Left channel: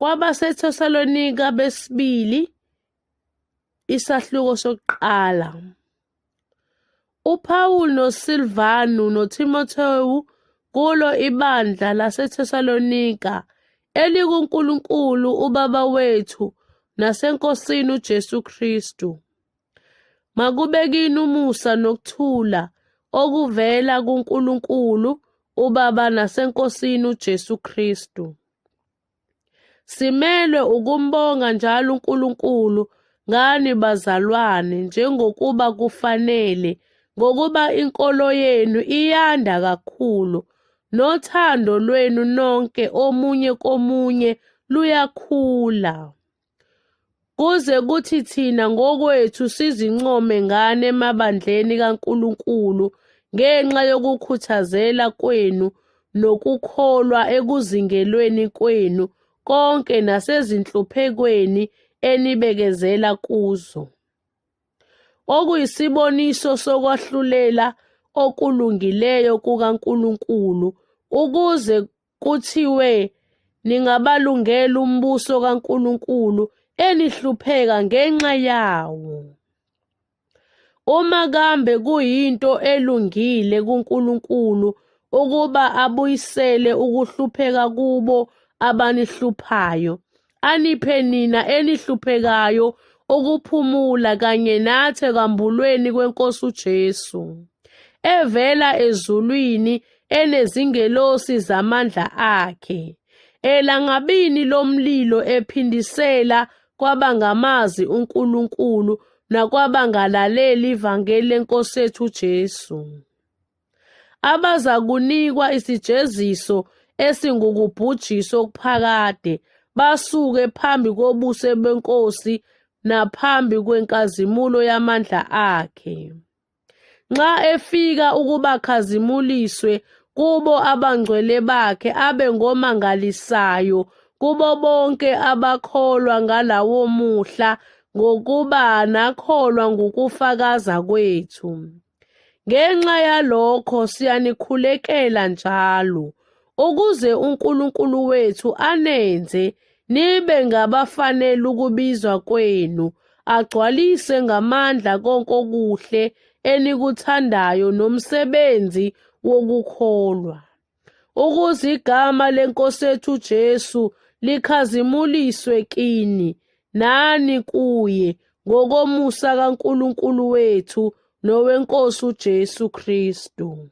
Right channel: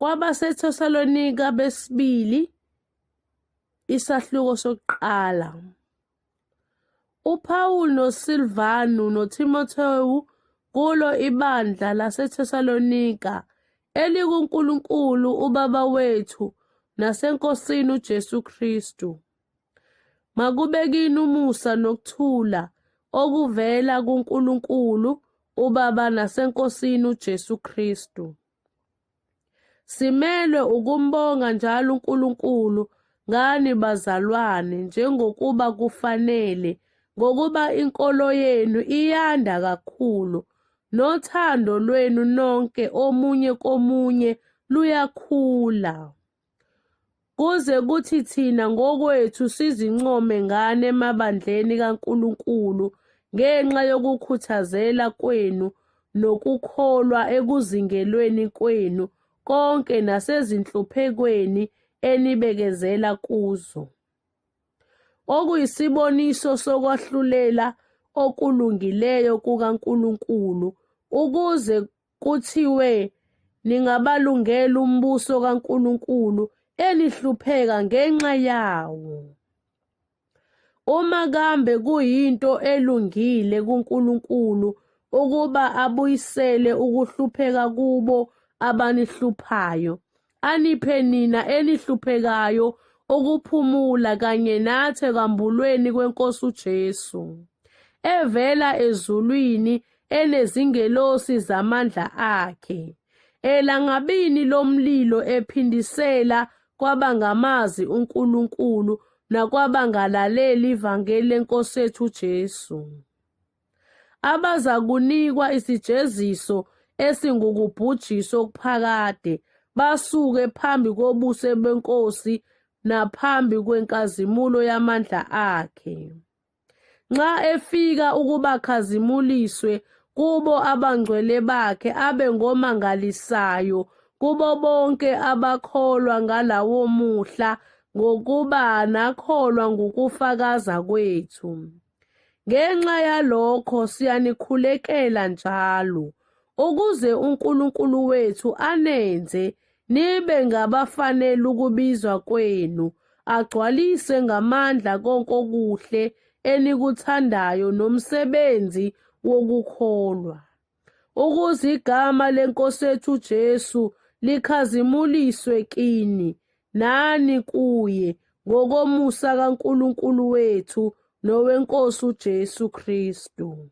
KwabaseThesalonika besibili, isahluko sokuqala. uPawulu noSilvanu noTimothewu kulo ibandla laseThesalonika elikuNkulunkulu uBaba wethu naseNkosini uJesu Kristu. Makube kini umusa nokuthula okuvela kuNkulunkulu uBaba naseNkosini uJesu Kristu. Simelwe ukumbonga njalo uNkulunkulu ngani bazalwane njengokuba kufanele, ngokuba inkolo yenu iyanda kakhulu, nothando lwenu nonke omunye komunye luyakhula, kuze kuthi thina ngokwethu sizincome ngani emabandleni kaNkulunkulu ngenxa yokukhuthazela kwenu nokukholwa ekuzingelweni kwenu konke nasezinhluphekweni enibekezela kuzo, okuyisiboniso sokwahlulela okulungileyo kukaNkulunkulu, ukuze kuthiwe ningabalungela umbuso kaNkulunkulu enihlupheka ngenxa yawo. Uma kambe kuyinto elungile kuNkulunkulu ukuba abuyisele ukuhlupheka kubo abanihluphayo, aniphe nina enihluphekayo ukuphumula kanye nathi ekwambulweni kweNkosi uJesu, evela ezulwini enezingelosi zamandla akhe, elangabini lomlilo ephindisela kwabangamazi uNkulunkulu nakwabangalaleli ivangeli leNkosi yethu uJesu, abazakunikwa isijeziso esingukubhujiswa okuphakade, basuke phambi kobuso beNkosi naphambi kwenkazimulo yamandla akhe, nxa efika ukubakhazimuliswe kubo abangcwele bakhe, abe ngomangalisayo kubo bonke abakholwa ngalawo muhla, ngokuba nakholwa ngokufakaza kwethu. Ngenxa yalokho siyanikhulekela njalo, ukuze uNkulunkulu wethu anenze nibe ngabafanele ukubizwa kwenu, agcwalise ngamandla konke okuhle enikuthandayo nomsebenzi wokukholwa, ukuze igama leNkosi yethu uJesu likhazimuliswe kini nani kuye ngokomusa kaNkulunkulu wethu noweNkosi uJesu Kristu.